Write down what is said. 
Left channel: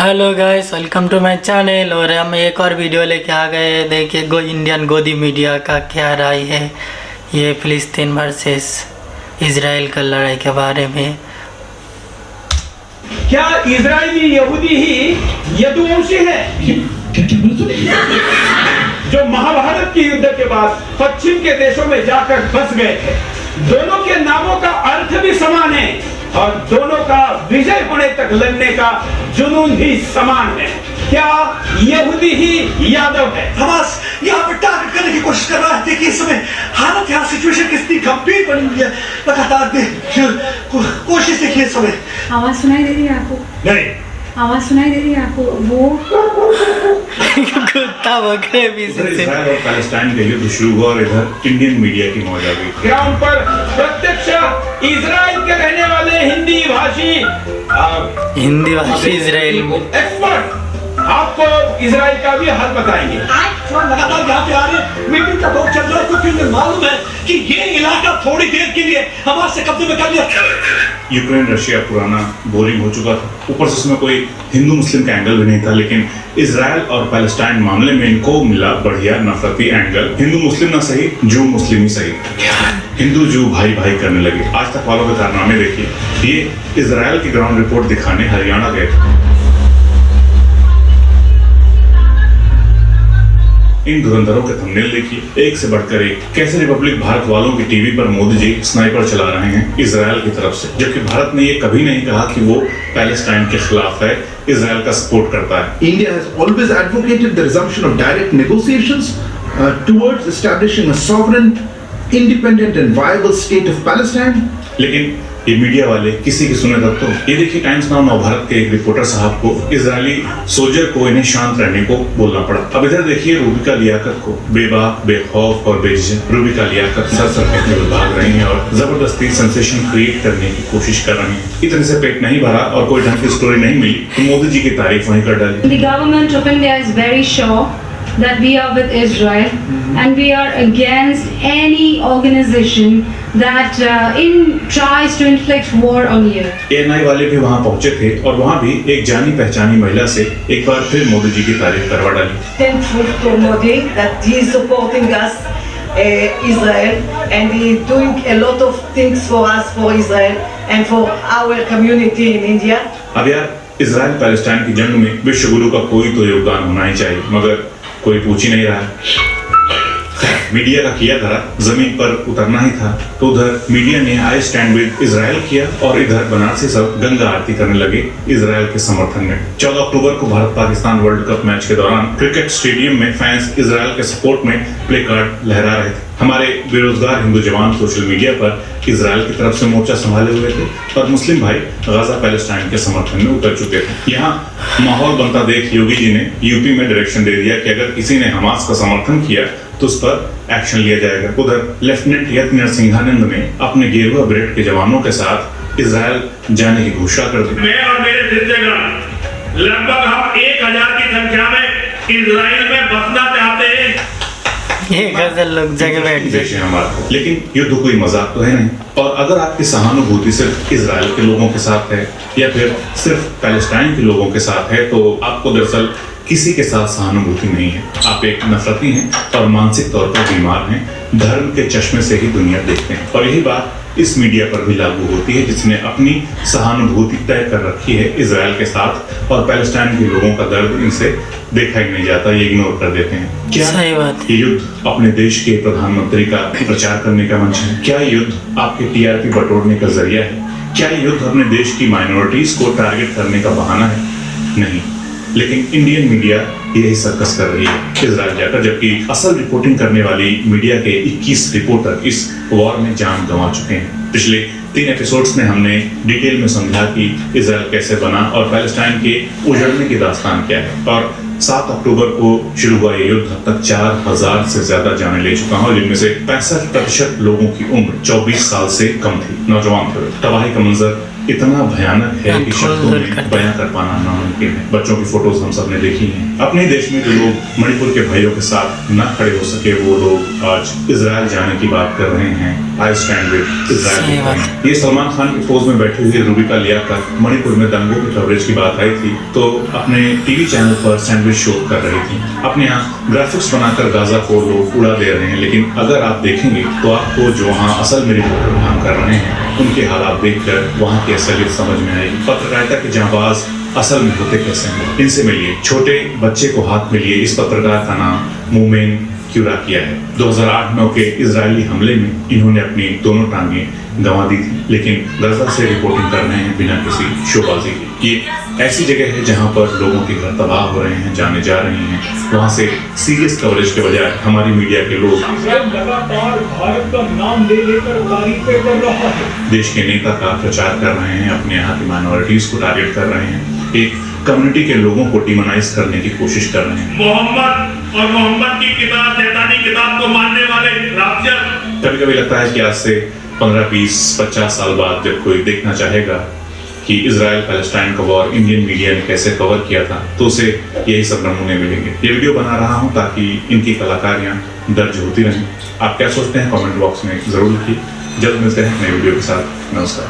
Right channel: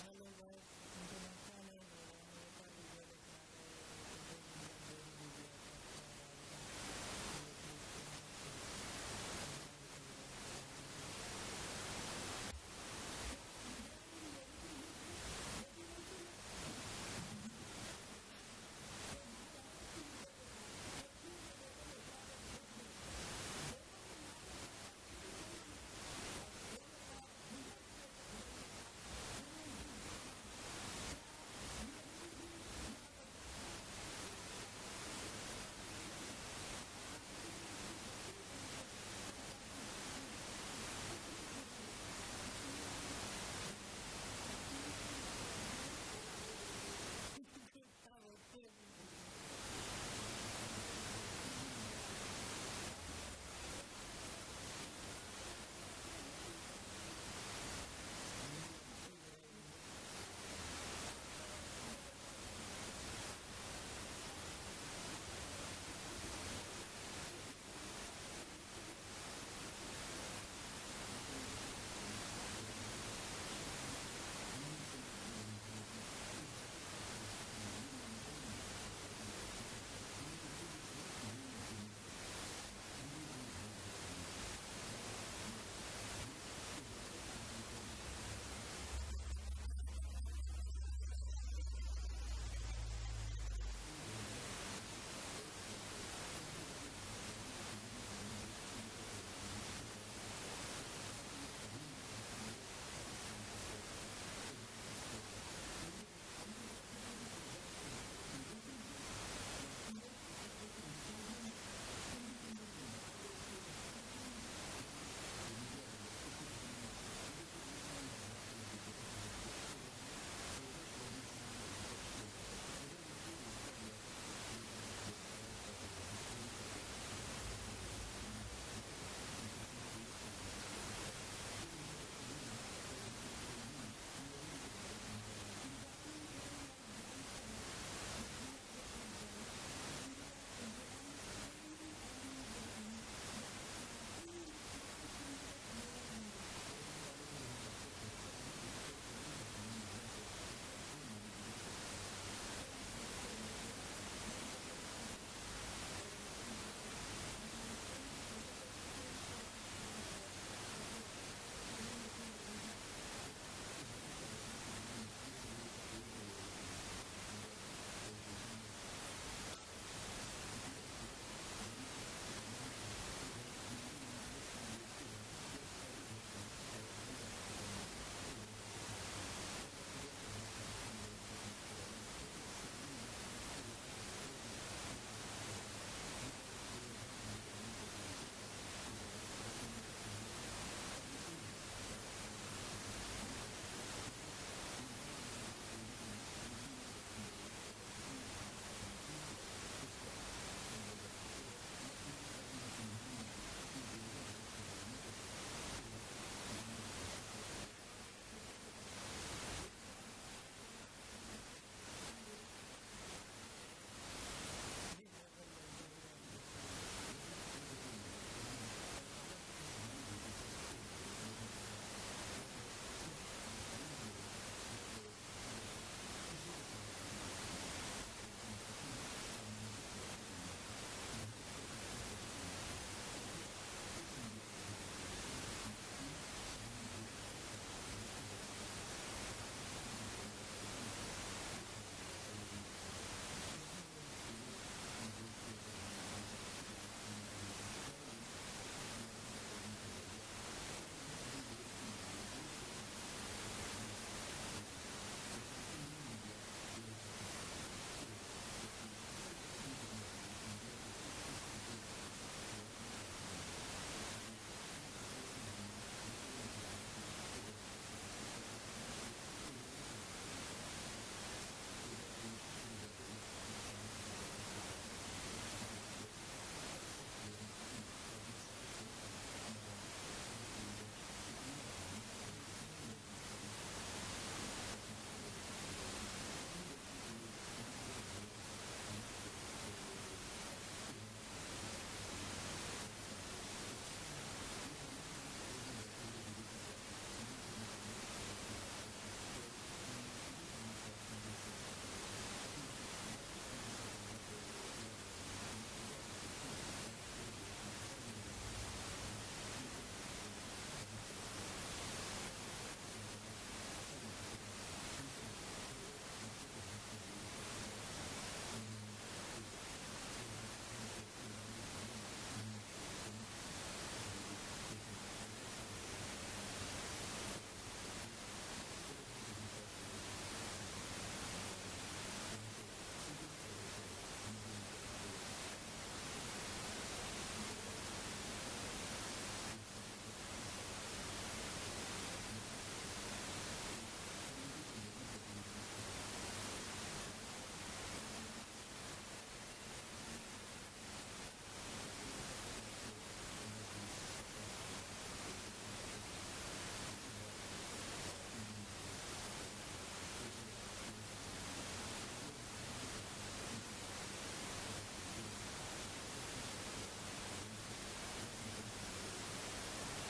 Hello guys, welcome to my channel. और हम एक और वीडियो लेके आ गए हैं। देखिए इंडियन गोदी मीडिया का क्या राय है ये फिलिस्तीन वर्सेस इजराइल का लड़ाई के बारे में। क्या इजरायली यहूदी ही यदुवंशी है जो महाभारत के युद्ध के बाद पश्चिम के देशों में जाकर बस गए थे? दोनों के नामों का अर्थ भी समान है और दोनों का विजय होने तक लड़ने का जुनून भी समान है। क्या यहूदी ही यादव है? हमास यहाँ पर टारगेट करने की कोशिश कर रहा है। देखिए इस समय हालत यहाँ सिचुएशन कितनी गंभीर बनी हुई है। लगातार कोशिश देखिए इस समय। आवाज सुनाई दे रही है आपको? नहीं, आवाज सुनाई दे रही है आपको? वो कुत्ता बकरे भी इजराइल और पैलेस्टाइन का युद्ध शुरू हुआ और इधर इंडियन मीडिया की मौज आ गई। ग्राउंड पर प्रत्यक्ष इजराइल के रहने वाले हिंदी भाषी इजराइल में एक्सपर्ट आपको इजराइल का भी हाल बताएंगे। लगातार यहाँ पे आ रहे मीटिंग का दौर चल रहा है क्योंकि उन्हें मालूम है कि ये इलाका थोड़ी देर के लिए हमारे से कब्जे में कर लिया। यूक्रेन रशिया पुराना बोरिंग हो चुका था, ऊपर से उसमें कोई हिंदू मुस्लिम का एंगल भी नहीं था। लेकिन इजराइल और पैलेस्टाइन मामले में इनको मिला बढ़िया नफरती एंगल। हिंदू मुस्लिम ना सही, जू मुस्लिम ही सही। हिंदू जू भाई भाई करने लगे। आज तक वालों के कारनामे देखिए। ये इजराइल की ग्राउंड रिपोर्ट दिखाने हरियाणा गए थे। इन धुरंधरों के थंबनेल देखिए, एक से बढ़कर एक। कैसे रिपब्लिक भारत वालों की टीवी पर मोदी जी स्नाइपर चला रहे हैं इजराइल की तरफ से, जबकि भारत ने ये कभी नहीं कहा कि वो पैलेस्टाइन के खिलाफ है, इजराइल का सपोर्ट करता है। India has always advocated the resumption of direct negotiations towards establishing a sovereign, independent and viable state of Palestine. लेकिन ये मीडिया वाले किसी की सुने तब तो। ये देखिए टाइम्स नाउ नवभारत के एक रिपोर्टर साहब को इजरायली सोल्जर को इन्हें शांत रहने को बोलना पड़ा। अब इधर देखिए रूबिका लियाकत को बेबाक, बेखौफ और बेझिझक रूबिका लियाकत सर फेंकने में भाग रही हैं और जबरदस्ती सेंसेशन क्रिएट करने की कोशिश कर रही हैं। इतने से पेट नहीं भरा और कोई ढंग की स्टोरी नहीं मिली तो मोदी जी की तारीफ वहीं कर डाली। The government of India is very sure that we are with Israel and we are against any organization that tries to inflict war on you. ANI वाले भी वहाँ पहुँचे थे और वहाँ भी एक जानी पहचानी महिला से एक बार फिर मोदी जी की तारीफ करवा डाली। Thankful to Modi that he is supporting us, Israel, and he is doing a lot of things for us, for Israel, and for our community in India. अब यार इजराइल पैलेस्टाइन की जंग में विश्व गुरु का कोई तो योगदान होना ही चाहिए, मगर कोई पूछ ही नहीं रहा है। मीडिया का किया धरा जमीन पर उतरना ही था तो उधर मीडिया ने आई स्टैंड विद इजराइल किया और इधर बनारसी सब गंगा आरती करने लगे इजराइल के समर्थन में। 14 अक्टूबर को Bharat Pakistan world cup match के दौरान क्रिकेट स्टेडियम में फैंस इजराइल के सपोर्ट में प्ले कार्ड लहरा रहे थे। हमारे बेरोजगार हिंदू जवान सोशल मीडिया पर इजराइल की तरफ से मोर्चा संभाले हुए थे और मुस्लिम भाई गाजा पैलेस्टाइन के समर्थन में उतर चुके थे। यहाँ माहौल बनता देख योगी जी ने यूपी में डायरेक्शन दे दिया कि अगर किसी ने हमास का समर्थन किया तो उस पर एक्शन लिया जाएगा। उधर लेफ्टिनेंट यज्ञ नरसिंहानंद ने अपने गेरुआ ब्रिगेड के जवानों के साथ इजराइल जाने की घोषणा कर दी। मैं और मेरे जिंदगान लगभग हम 1000 की संख्या में इजराइल में बसना चाहते हैं। ये गजल लोग जगह बैठ गए। हमारा लेकिन युद्ध कोई मजाक तो है नहीं। और अगर आपकी सहानुभूति सिर्फ इजराइल के लोगों के साथ है या फिर सिर्फ पैलेस्टाइन के लोगों के साथ है तो आपको दरअसल किसी के साथ सहानुभूति नहीं है। आप एक नफरती हैं और मानसिक तौर पर बीमार हैं, धर्म के चश्मे से ही दुनिया देखते हैं। और यही बात इस मीडिया पर भी लागू होती है जिसने अपनी सहानुभूति तय कर रखी है इजराइल के साथ और पैलेस्टाइन के लोगों का दर्द इनसे देखा ही नहीं जाता, ये इग्नोर कर देते हैं। क्या सही बात है। ये युद्ध अपने देश के प्रधानमंत्री का प्रचार करने का मंच है? क्या युद्ध आपके टीआरपी बटोरने का जरिया है? क्या युद्ध अपने देश की माइनॉरिटीज को टारगेट करने का बहाना है? नहीं, लेकिन इंडियन मीडिया यही सर्कस कर रही है इजराइल जाकर, जबकि असल रिपोर्टिंग करने वाली मीडिया के 21 रिपोर्टर इस वॉर में जान गंवा चुके हैं। पिछले 3 एपिसोड्स में हमने डिटेल में समझा कि इजराइल कैसे बना और पैलेस्टाइन के उजड़ने की दास्तान क्या है। और 7 अक्टूबर को शुरू हुआ ये युद्ध अब तक 4000 से ज्यादा जाने ले चुका है, जिनमें से 65% लोगों की उम्र 24 साल से कम थी, नौजवान थे। तबाही का मंजर इतना भयानक है कि धूल शब्दों धूल में करते बयां कर पाना नामुमकिन है। बच्चों की फोटोज हम सब ने देखी हैं। अपने देश में जो लोग मणिपुर के भाइयों के साथ न खड़े हो सके, वो लोग आज इजराइल जाने की बात कर रहे हैं। आई स्टैंड विद सही इजराइल। बात। ये सलमान खान की पोज में बैठी हुई रूबिका लियाकत मणिपुर में दंगों की कवरेज की बात आई थी तो अपने टीवी चैनल पर सैंडविच शो कर रही थी। अपने यहाँ ग्राफिक्स बनाकर गाजा को लोग उड़ा दे रहे हैं, लेकिन अगर आप देखेंगे तो आपको जो वहाँ असल में रिपोर्टर काम कर रहे हैं उनके हालात देखकर वहाँ की असलियत समझ में आएगी। पत्रकारिता के जांबाज असल में होते कैसे हैं, इनसे मिलिए। छोटे बच्चे को हाथ में लिए इस पत्रकार का नाम मोमेन क्यूरा किया है। 2008-9 के इजरायली हमले में इन्होंने अपनी दोनों टांगें गंवा दी थी, लेकिन गाजा से रिपोर्टिंग कर रहे हैं बिना किसी शोबाजी के। ये ऐसी जगह है जहां पर लोगों के घर तबाह हो रहे हैं, जाने जा रही हैं। वहां से सीरियस कवरेज के बजाय हमारी मीडिया के लोग लगातार भारत का नाम ले लेकर तारीफें कर रहा है। देश के नेता का प्रचार कर रहे हैं, अपने यहाँ की माइनॉरिटीज को टारगेट कर रहे हैं, एक कम्युनिटी के लोगों को डिमोनाइज करने की कोशिश कर रहे हैं। मोहम्मद और मोहम्मद की किताब, शैतानी किताब को मानने वाले राक्षस। कभी कभी लगता है कि आज से 15, 20, 50 साल बाद जब कोई देखना चाहेगा कि इजराइल पैलेस्टाइन का वॉर इंडियन मीडिया ने कैसे कवर किया था तो उसे यही सब नमूने मिलेंगे। ये वीडियो बना रहा हूं ताकि इनकी कलाकारियां दर्ज होती रहें। आप क्या सोचते हैं कमेंट बॉक्स में जरूर लिखिए। जल्द मिलते हैं नए वीडियो के साथ। नमस्कार।